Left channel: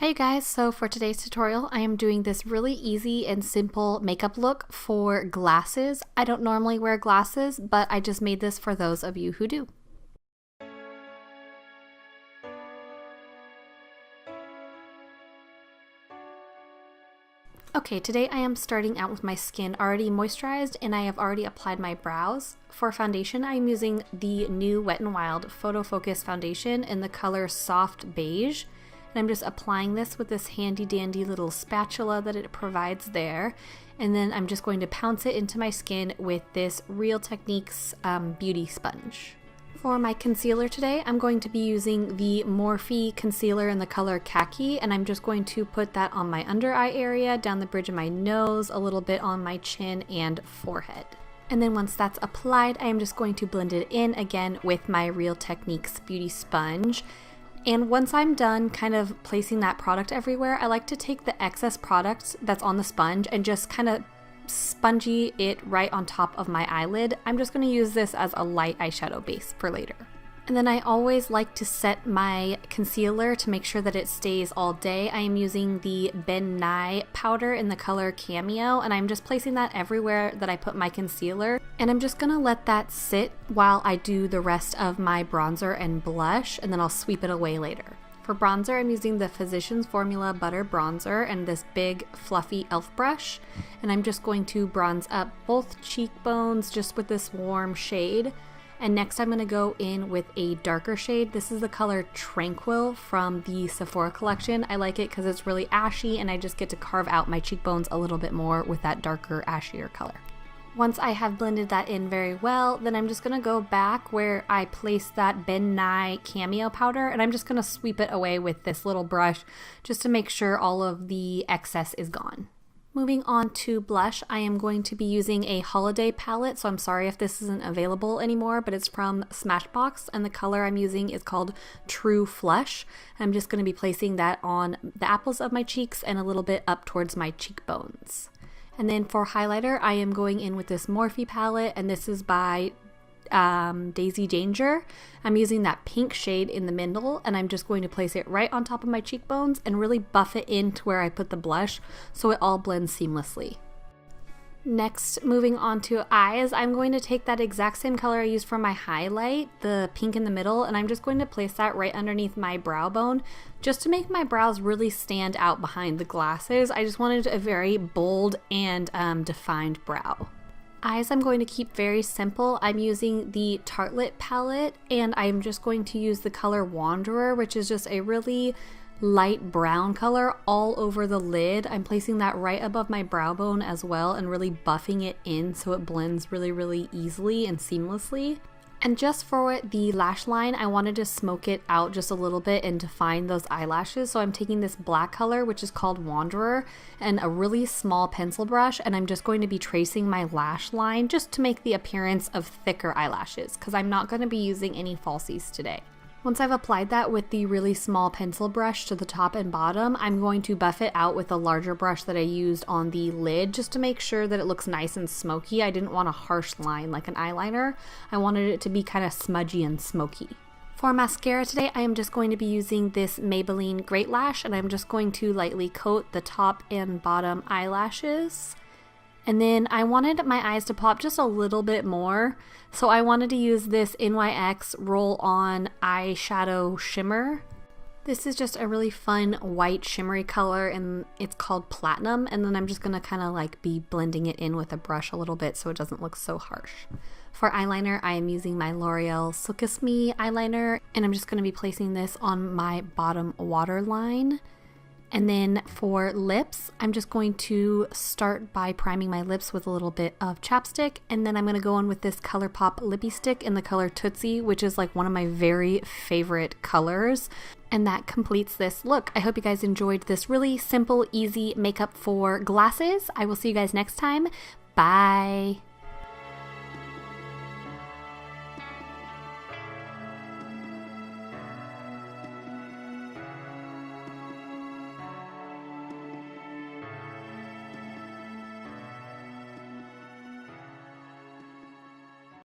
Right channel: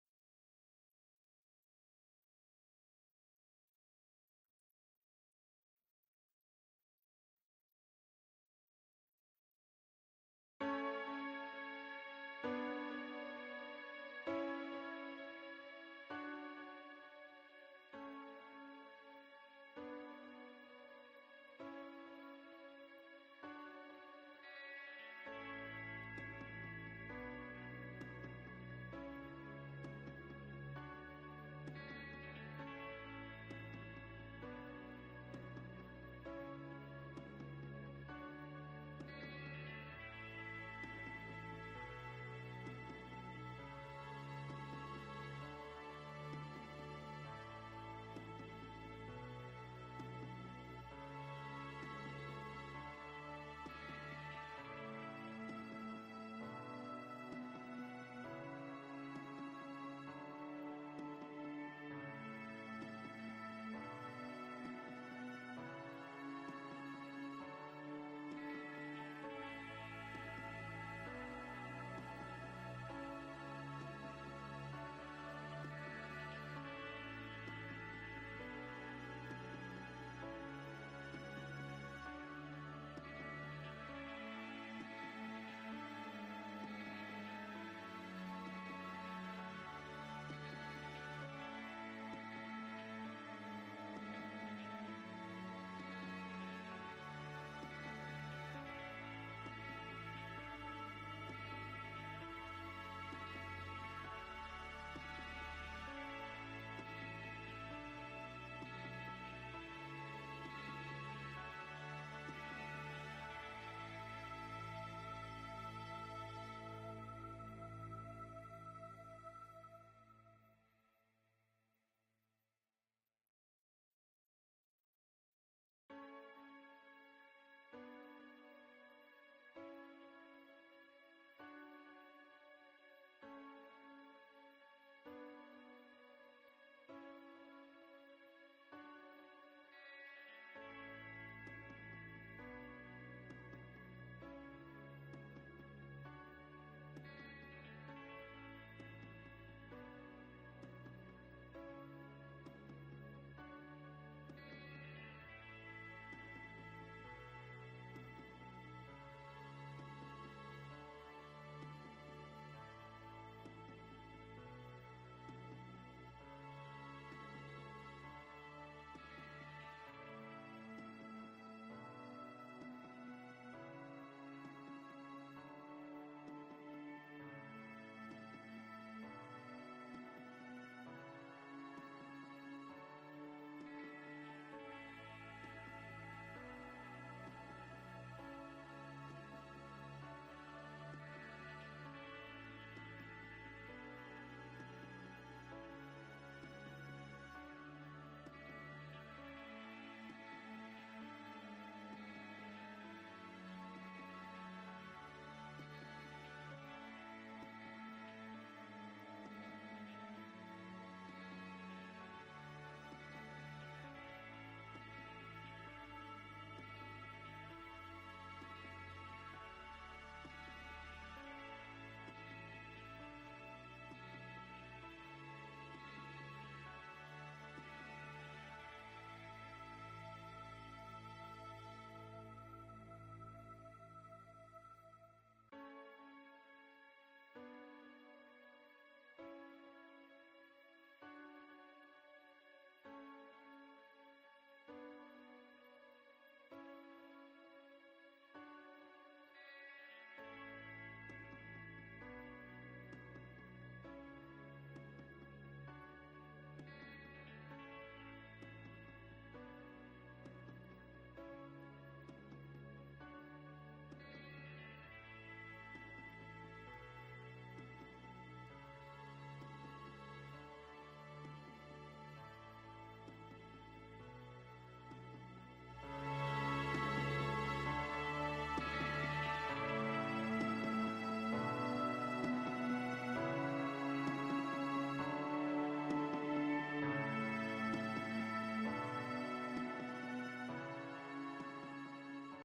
Hi you guys, so for today's tutorial I am doing this really easy and simple makeup look for glasses. I don't normally wear glasses, but I just made this for those of you who do. Okay, today I am starting out with my skin already moisturized and I have already applied my brows. For foundation, I am using the new Wet n Wild Photo Focus foundation in the color Soft Beige. And I'm just applying this with this handy dandy little spatula that it provides there. And then I'm just going to pounce it into my skin with this Real Techniques beauty sponge. For my concealer today, I'm going to be using the Morphe concealer in the color Khaki, and I'm just going to put that on my under eye area, down the bridge of my nose, a little bit on my chin and forehead. And then once that's applied, I am just going to blend it in again with my Real Techniques beauty sponge. And once I'm done kind of placing that product everywhere, I like to take the excess product that's on the sponge and just kind of spongy it right on top of my eyelid. I'm just going to use this as a light eyeshadow base for later. And then I always like to set my concealer to make sure that it stays all day. I am using the Ben Nye powder in the color Cameo, and I'm just placing that everywhere that I put my concealer. And I'm just gonna let that sit while I do the rest of my bronzer and blush, and then I'll sweep it away later. For bronzer, I'm using the Physicians Formula Butter Bronzer and this big fluffy e.l.f. brush. And I'm just going to bronze up both cheekbones just with this warm shade. And next I'm going to go in with a darker shade. This is the color Tranquil from the Sephora collection. I like it because it's really ashy and I just get to carve out my cheekbones a little bit more with that darker, ashier color. Once I have blended that in very well, then I'm just going to go back where I placed that Ben Nye Cameo powder, and I'm just going to sweep it away with this little brush just to make sure all of the excess is gone. Moving on to blush, I am going to be using a holiday palette, so I'm sorry if this isn't available anymore, but it's from Smashbox, and the color I'm using is called True Flush. I'm just going to be placing that on the apples of my cheeks and a little bit up towards my cheekbones. And then for highlighter, I am going in with this Morphe palette, and this is by Deysi Danger. I'm using that pink shade in the middle, and I'm just going to place it right on top of my cheekbones and really buff it into where I put the blush so it all blends seamlessly. Next, moving on to eyes, I'm going to take that exact same color I used for my highlight, the pink in the middle, and I'm just going to place that right underneath my brow bone just to make my brows really stand out behind the glasses. I just wanted a very bold and defined brow. Eyes I'm going to keep very simple. I'm using the Tartlette palette, and I'm just going to use the color Wanderer, which is just a really light brown color all over the lid. I'm placing that right above my brow bone as well and really buffing it in so it blends really easily and seamlessly. And just for the lash line, I wanted to smoke it out just a little bit and define those eyelashes. So I'm taking this black color, which is called Wanderer, and a really small pencil brush, and I'm just going to be tracing my lash line just to make the appearance of thicker eyelashes, because I'm not going to be using any falsies today. Once I've applied that with the really small pencil brush to the top and bottom, I'm going to buff it out with a larger brush that I used on the lid just to make sure that it looks nice and smoky. I didn't want a harsh line like an eyeliner. I wanted it to be kind of smudgy and smoky. For mascara today, I am just going to be using this Maybelline Great Lash, and I'm just going to lightly coat the top and bottom eyelashes. And then I wanted my eyes to pop just a little bit more, so I wanted to use this NYX Roll On eyeshadow shimmer. This is just a really fun white shimmery color, and it's called Platinum, and then I'm just going to kind of like be blending it in with a brush a little bit so it doesn't look so harsh. For eyeliner, I am using my Loreal Silkissme eyeliner, and I'm just going to be placing this on my bottom waterline. And then for lips, I'm just going to start by priming my lips with a little bit of chapstick, and then I'm going to go in with this Colourpop lippie stick in the color Tootsie, which is like one of my very favorite colors. And that completes this look. I hope you guys enjoyed this really simple, easy makeup for glasses. I will see you guys next time. Bye!